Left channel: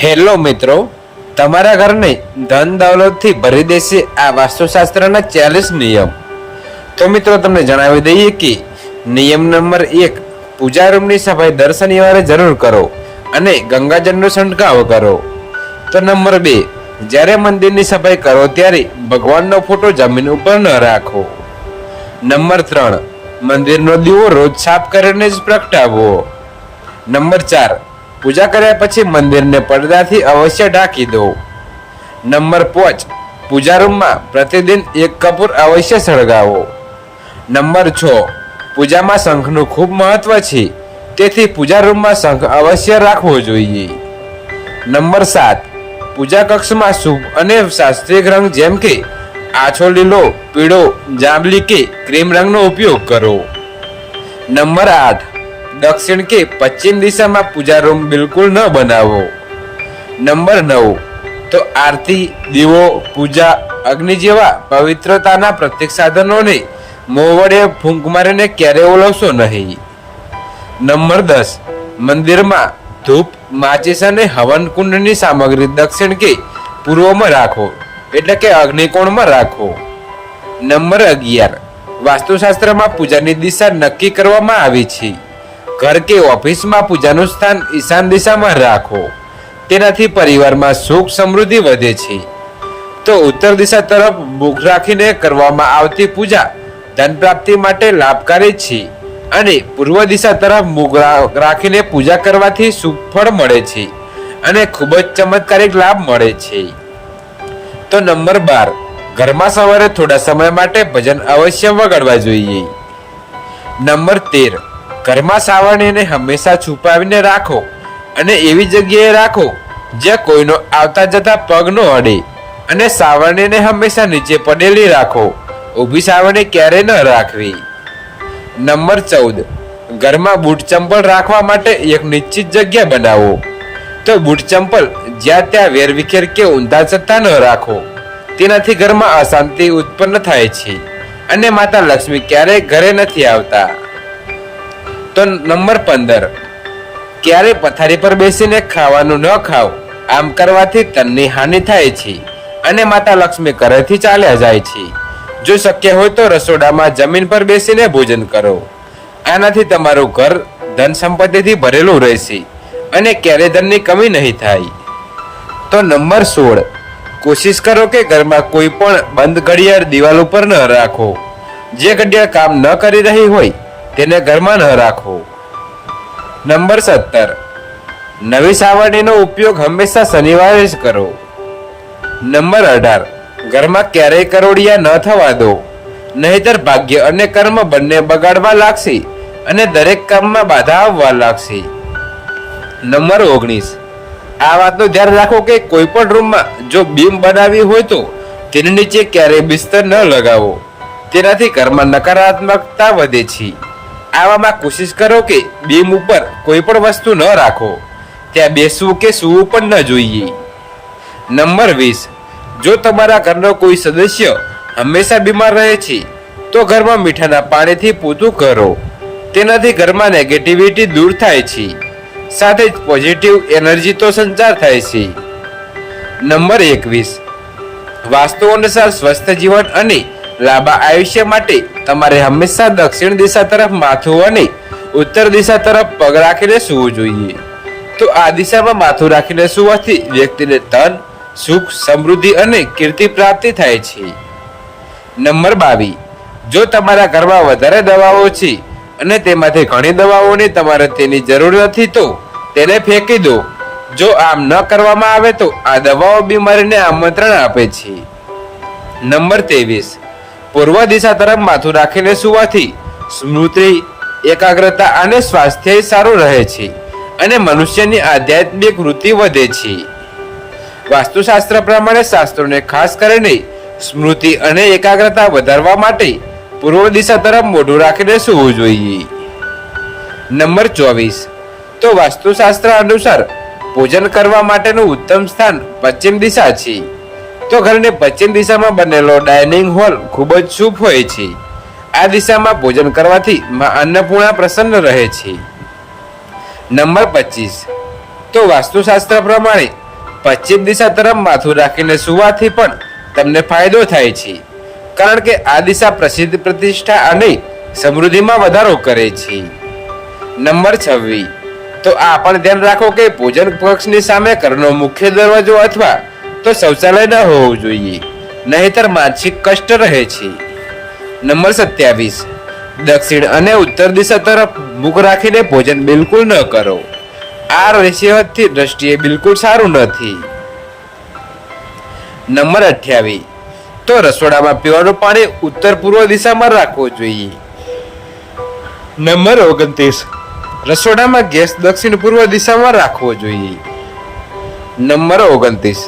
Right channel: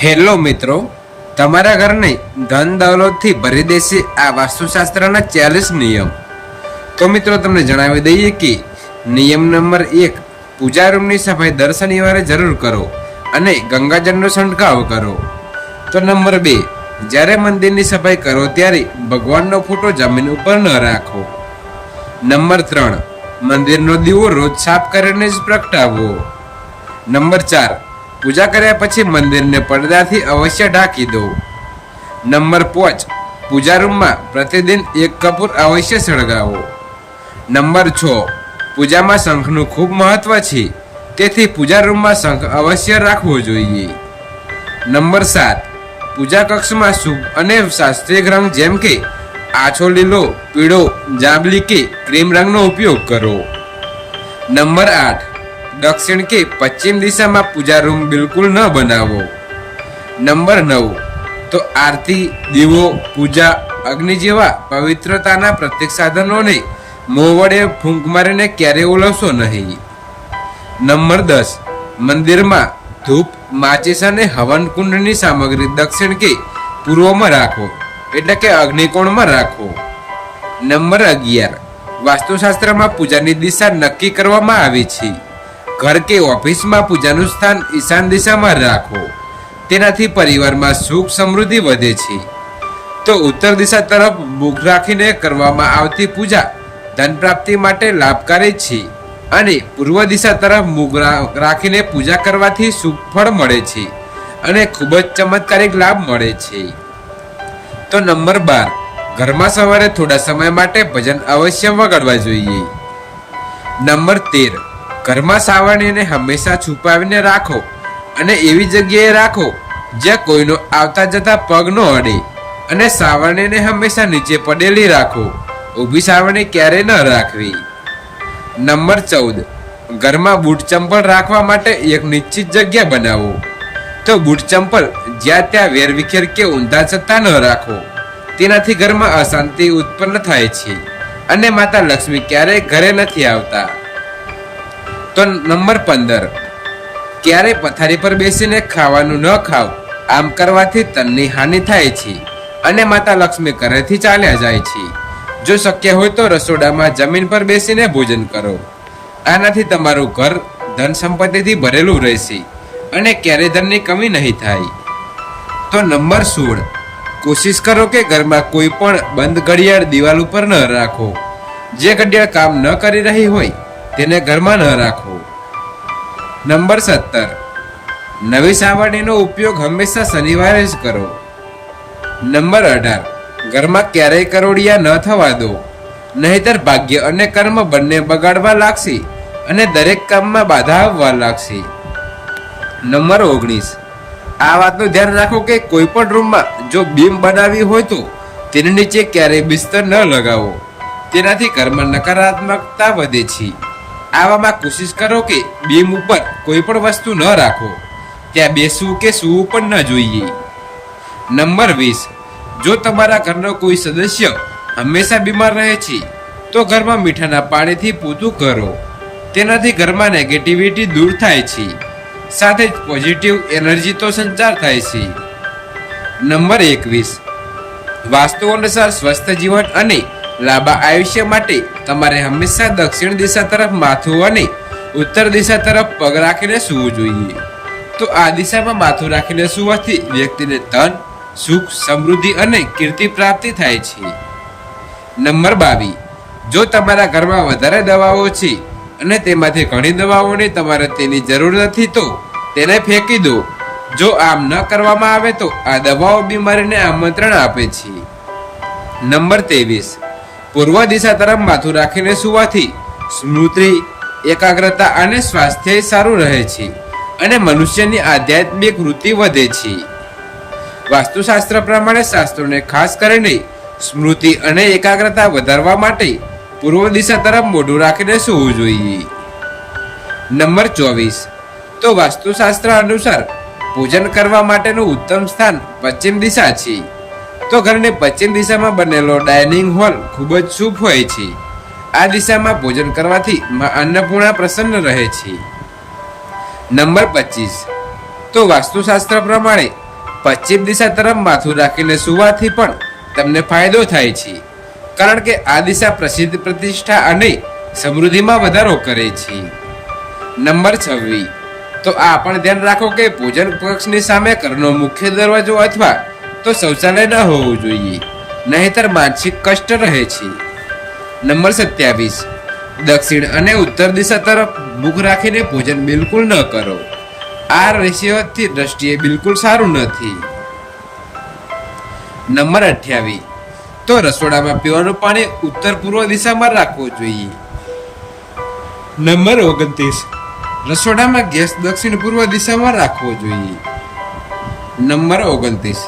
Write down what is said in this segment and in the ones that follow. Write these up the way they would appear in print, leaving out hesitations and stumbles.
Hello મિત્રો, તમારા ઘરને ધન દૌલતથી ભરી દેશે આ વાસ્તુશાસ્ત્રના 40 નિયમ. તો મિત્રો તમને જણાવી દઈએ કે નિયમ નંબર 1, પૂજા રૂમની સફાઈ દર શનિવારે જરૂર કરો અને ગંગાજળનો છંટકાવ કરો. તો નંબર 2, જ્યારે મંદિરની સફાઈ કરો ત્યારે ભગવાનનો ફોટો જમીન ઉપર ન રાખો. નંબર 3, મંદિરનો દીવો રોજ સાફ કરીને જ પ્રગટાવવો. નંબર 4, પૂજા કર્યા પછી મંદિરને પડદાથી અવશ્ય ઢાંકી દો. નંબર 5, પૂજા રૂમમાં પ્રતિદિન 1 કપૂર અવશ્ય સળગાવો. નંબર 6, પૂજામાં શંખનું ખૂબ મહત્વ છે, તેથી પૂજા રૂમમાં શંખ અવશ્ય રાખવો જોઈએ. નંબર 7, પૂજા કક્ષમાં શુભ અને શાસ્ત્રીય રંગ જેમ કે આછો લીલો, પીળો, જાંબલી કે ક્રીમ રંગનો ઉપયોગ કરો. નંબર 8, દક્ષિણ કે પશ્ચિમ દિશામાં પૂજા રૂમ બિલકુલ ન બનાવો. નંબર 9, તો આરતી, દીવો, પૂજા, અગ્નિ જેવા પવિત્રતાના પ્રત્યેક સાધનોને મોં વડે ફૂંક મારીને ક્યારેય ઓલવશો નહીં. નંબર 10, મંદિરમાં ધૂપ, માચિસ અને હવન કુંડની સામગ્રી દક્ષિણ કે પૂર્વમાં રાખો, એટલે કે અગ્નિકોણમાં રાખો. નંબર 11, વાસ્તુશાસ્ત્રમાં પૂજાની દિશા નક્કી કરવામાં આવી છે. ઘર કે ઓફિસમાં પૂજાનું સ્થાન ઈશાન દિશામાં રાખો, તેનાથી પરિવારમાં સુખ સમૃદ્ધિ વધે છે. તો ઉત્તર દિશા તરફ મુખ રાખીને કરવામાં આવતી પૂજા ધન પ્રાપ્તિ માટે લાભકારી છે અને પૂર્વ દિશા તરફ મુખ રાખીને પૂજા કરવાથી શુભ ફળ મળે છે અને ખૂબ જ ચમત્કારિક લાભ મળે છે. તો નંબર 12, ઘરમાં સવારે થોડા સમય માટે ભજન અવશ્ય વગાડવા જોઈએ. નંબર 13, ઘરમાં સાવરણીને હંમેશા છુપાવીને રાખો અને એવી જગ્યાએ રાખો જ્યાં કોઈનો આવતા જતા પગ ન અડે, અને સાવરણીને હંમેશા નીચે પડેલી રાખો, ઊભી સાવરણી ક્યારેય ન રાખવી. નંબર 14, ઘરમાં બૂટ ચંપલ રાખવા માટે એક નિશ્ચિત જગ્યા બનાવો. તો બૂટ ચંપલ જ્યાં ત્યાં વેરવિખેર કે ઊંધા જતા ન રાખો, તેનાથી ઘરમાં અશાંતિ ઉત્પન્ન થાય છે અને માતા લક્ષ્મી ક્યારેય ઘરે નથી આવતા. તો નંબર 15, ક્યારે પથારી પર બેસીને ખાવાનું ન ખાઓ. આમ કરવાથી તનની હાનિ થાય છે અને માતા લક્ષ્મી ઘરેથી ચાલ્યા જાય છે. જો શક્ય હોય તો રસોડામાં જમીન પર બેસીને ભોજન કરો. આનાથી તમારું ઘર ધન સંપત્તિથી ભરેલું રહેશે અને ક્યારેય ધનની કમી નહીં થાય. તો નંબર 16, કોશિશ કરો કે ઘરમાં કોઈ પણ બંધ ઘડિયાળ દિવાલ ઉપર ન રાખો. જે ઘડિયાળ કામ ન કરી રહી હોય તેને ઘરમાં ન રાખો. નંબર 17, નવી સાવરણીનો ઉપયોગ હંમેશા શનિવારે જ કરો. નંબર 18, ઘરમાં ક્યારેય કરોડિયા ન થવા દો, નહીતર ભાગ્ય અને કર્મ બંને બગાડવા લાગશે અને દરેક કામમાં બાધા આવવા લાગશે. નંબર 19, આ વાતનું ધ્યાન રાખો કે કોઈ પણ રૂમમાં જો બીમ બનાવી હોય તો તેની નીચે ક્યારેય બિસ્તર ન લગાવો, તેનાથી ઘરમાં નકારાત્મકતા વધે છે. આવામાં કોશિશ કરો કે બીમ ઉપર કોઈ પણ વસ્તુ ન રાખો, ત્યાં બેસવું કે સૂવું પણ ન જોઈએ. નંબર 20, જો તમારા ઘરનો કોઈ સદસ્ય હંમેશા બીમાર રહે છે તો ઘરમાં મીઠાના પાણીથી પોતું કરો, તેનાથી ઘરમાં નેગેટિવિટી દૂર થાય છે, સાથે જ પોઝિટિવ એનર્જી તો સંચાર થાય છે. નંબર 21, વાસ્તુ અનુસાર સ્વસ્થ જીવન અને લાંબા આયુષ્ય માટે તમારે હંમેશા દક્ષિણ દિશા તરફ માથું અને ઉત્તર દિશા તરફ પગ રાખીને સૂવું જોઈએ. તો આ દિશામાં માથું રાખીને સૂવાથી વ્યક્તિને ધન, સુખ, સમૃદ્ધિ અને કીર્તિ પ્રાપ્તિ થાય છે. નંબર 22, જો તમારા ઘરમાં વધારે દવાઓ છે અને તેમાંથી ઘણી દવાઓની તમારે તેની જરૂર નથી તો તેને ફેંકી દો. જો આમ ન કરવામાં આવે તો આ દવાઓ બીમારીને આમંત્રણ આપે છે. નંબર 23, પૂર્વ દિશા તરફ માથું રાખીને સૂવાથી સ્મૃતિ, એકાગ્રતા અને સ્વાસ્થ્ય સારું રહે છે અને મનુષ્યની આધ્યાત્મિક વૃત્તિ વધે છે. વાસ્તુશાસ્ત્ર પ્રમાણે શાસ્ત્રોને ખાસ કરીને સ્મૃતિ અને એકાગ્રતા વધારવા માટે પૂર્વ દિશા તરફ મોઢું રાખીને સૂવું જોઈએ. નંબર 24, તો વાસ્તુશાસ્ત્ર અનુસાર ભોજન કરવા માટેનું ઉત્તમ સ્થાન પશ્ચિમ દિશા છે. તો ઘરની પશ્ચિમ દિશામાં બનેલો ડાઇનિંગ હોલ ખૂબ જ શુભ હોય છે. આ દિશામાં ભોજન કરવાથી માં અન્નપૂર્ણા પ્રસન્ન રહે છે. નંબર 25, તો વાસ્તુશાસ્ત્ર પ્રમાણે પશ્ચિમ દિશા તરફ માથું રાખીને સુવાથી પણ તમને ફાયદો થાય છે, કારણ કે આ દિશા પ્રસિદ્ધ પ્રતિષ્ઠા અને સમૃદ્ધિમાં વધારો કરે છે. નંબર 26. તો આ પણ ધ્યાન રાખો કે ભોજન કક્ષની સામે ઘરનો મુખ્ય દરવાજો અથવા તો શૌચાલય ન હોવું જોઈએ, નહીતર માનસિક કષ્ટ રહે છે. નંબર 27. દક્ષિણ અને ઉત્તર દિશા તરફ મુખ રાખીને ભોજન બિલકુલ ન કરો. આ સેહતની દ્રષ્ટિએ બિલકુલ સારું નથી. નંબર 28. તો રસોડામાં પીવાનું પાણી ઉત્તર પૂર્વ દિશામાં રાખવું જોઈએ. નંબર 29. રસોડામાં ગેસ દક્ષિણ પૂર્વ દિશામાં રાખવો જોઈએ. નંબર 29.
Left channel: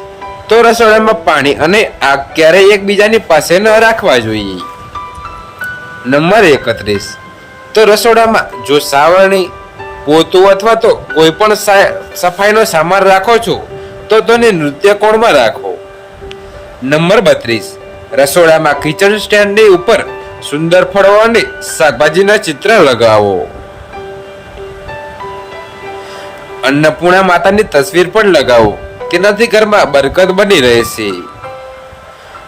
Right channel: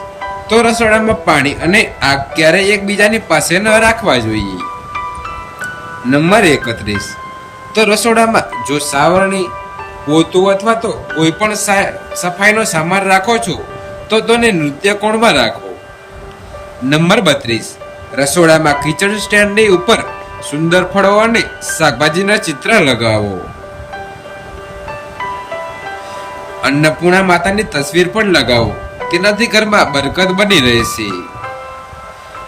તો રસોડામાં પાણી અને આગ ક્યારેય એકબીજાની પાસે ન રાખવા જોઈએ. નંબર 31. તો રસોડામાં જો સાવરણી, પોતું અથવા તો કોઈ પણ સફાઈનો સામાન રાખો છો તો તેને નૃત્ય કોણમાં રાખો. નંબર 32. રસોડામાં કિચન સ્ટેન્ડની ઉપર સુંદર ફળો અને શાકભાજીના ચિત્ર લગાવો. અન્નપૂર્ણા માતાની તસવીર પણ લગાવો, તેનાથી ઘરમાં બરકત બની રહેશે.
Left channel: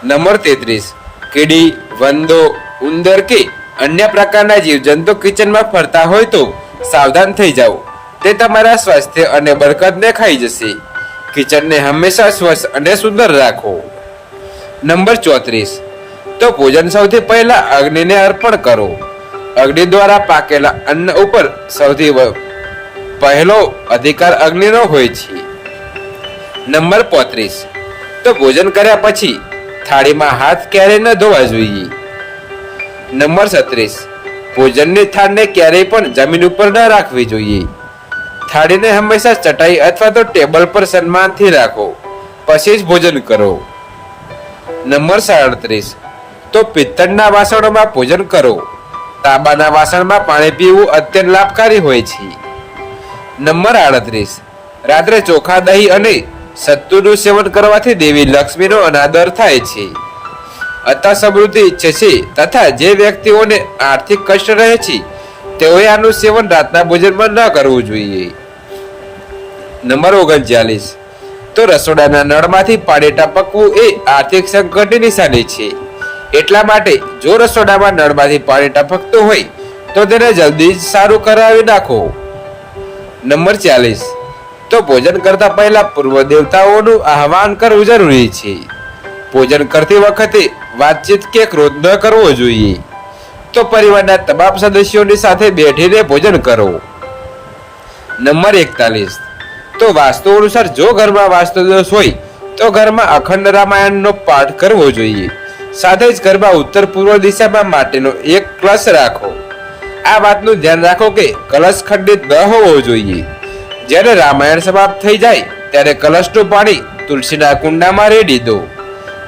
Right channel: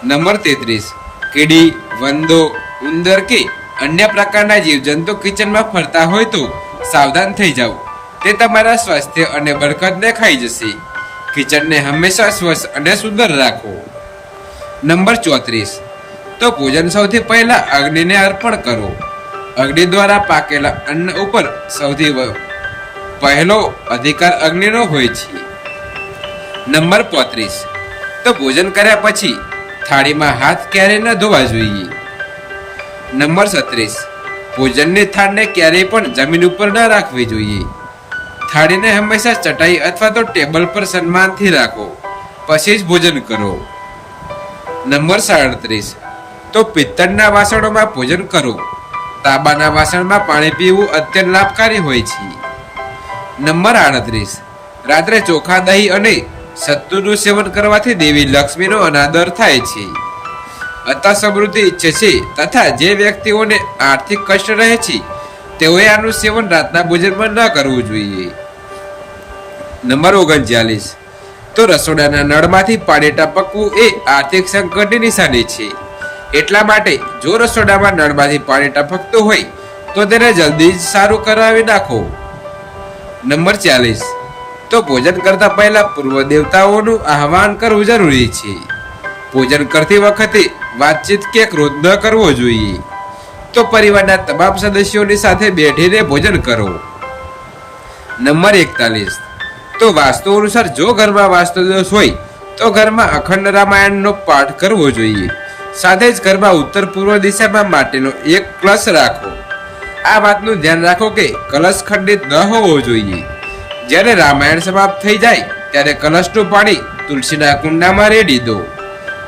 નંબર 33. કીડી, વંદો, ઉંદર કે અન્ય પ્રકારના જીવજંતુ કિચનમાં ફરતા હોય તો સાવધાન થઈ જાઓ, તે તમારા સ્વાસ્થ્ય અને બરકતને ખાઈ જશે. કિચનને હંમેશા સ્વચ્છ અને સુંદર રાખો. નંબર 34. તો ભોજન સૌથી પહેલા અગ્નિને અર્પણ કરો. અગ્નિ દ્વારા પાકેલા અન્ન ઉપર સૌથી પહેલો અધિકાર અગ્નિનો હોય છે. નંબર 35. તો ભોજન કર્યા પછી થાળીમાં હાથ ક્યારેય ન ધોવા જોઈએ. નંબર 36. ભોજનની થાળને ક્યારેય પણ જમીન ઉપર ન રાખવી જોઈએ. થાળીને હંમેશા ચટાઈ અથવા તો ટેબલ પર સન્માનથી રાખો, પછી જ ભોજન કરો. નંબર 37. તો પિત્તળના વાસણોમાં ભોજન કરો. તાંબાના વાસણમાં પાણી પીવું અત્યંત લાભકારી હોય છે. નંબર 38. રાત્રે ચોખા, દહીં અને સત્તુનું સેવન કરવાથી દેવી લક્ષ્મીનો અનાદર થાય છે, અતઃ સમૃદ્ધિ ઈચ્છે છે, તથા જે વ્યક્તિઓને આર્થિક કષ્ટ રહે છે તેઓએ આનું સેવન રાતના ભોજનમાં ન કરવું જોઈએ. નંબર 39. તો રસોડાના નળમાંથી પાણી ટપકવું એ આર્થિક સંકટની નિશાની છે, એટલા માટે જો રસોડામાં નળમાંથી પાણી ટપકતું હોય તો તેને જલ્દી જ સારું કરાવી નાખો. નંબર 40. તો ભોજન કરતા પહેલા પૂર્વ દેવતાઓનું આહવાન કરવું જરૂરી છે. ભોજન કરતી વખતે વાતચીત કે ક્રોધ ન કરવો જોઈએ. તો પરિવારના તમામ સદસ્યોની સાથે બેઠીને ભોજન કરો. નંબર 41. તો વાસ્તુ અનુસાર જો ઘરમાં વાસ્તુ દોષ હોય તો ઘરમાં અખંડ રામાયણનો પાઠ કરવો જોઈએ. સાથે જ ઘરમાં ઉત્તર પૂર્વ દિશામાં માટીનો એક કલશ રાખો. આ વાતનું ધ્યાન રાખો કે કલશ ખંડિત ન હોવો જોઈએ. જ્યારે રામાયણ સમાપ્ત થઈ જાય ત્યારે કલશનું પાણી તુલસીના કુંડામાં રેડી દો,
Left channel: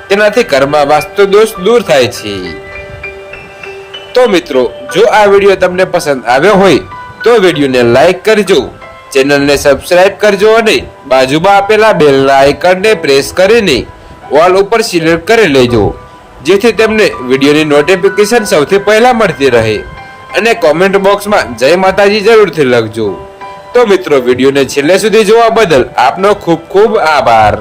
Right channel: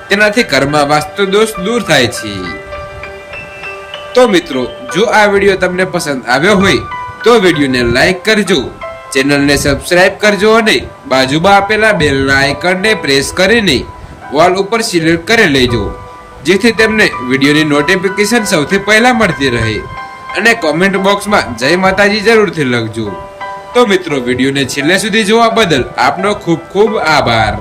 તેનાથી ઘરમાં વાસ્તુ દોષ દૂર થાય છે. તો મિત્રો, જો આ વિડીયો તમને પસંદ આવ્યો હોય તો વિડીયોને લાઈક કરજો, ચેનલને સબસ્ક્રાઇબ કરજો અને બાજુમાં આપેલા બેલના આઇકનને પ્રેસ કરીને ઓલ ઉપર સિલેક્ટ કરી લેજો, જેથી તમને વિડીયોની નોટિફિકેશન સૌથી પહેલા મળતી રહે. અને કોમેન્ટ બોક્સમાં જય માતાજી જરૂરથી લખજો. તો મિત્રો, વિડીયોને છેલ્લે સુધી જોવા બદલ આપનો ખૂબ ખૂબ આભાર.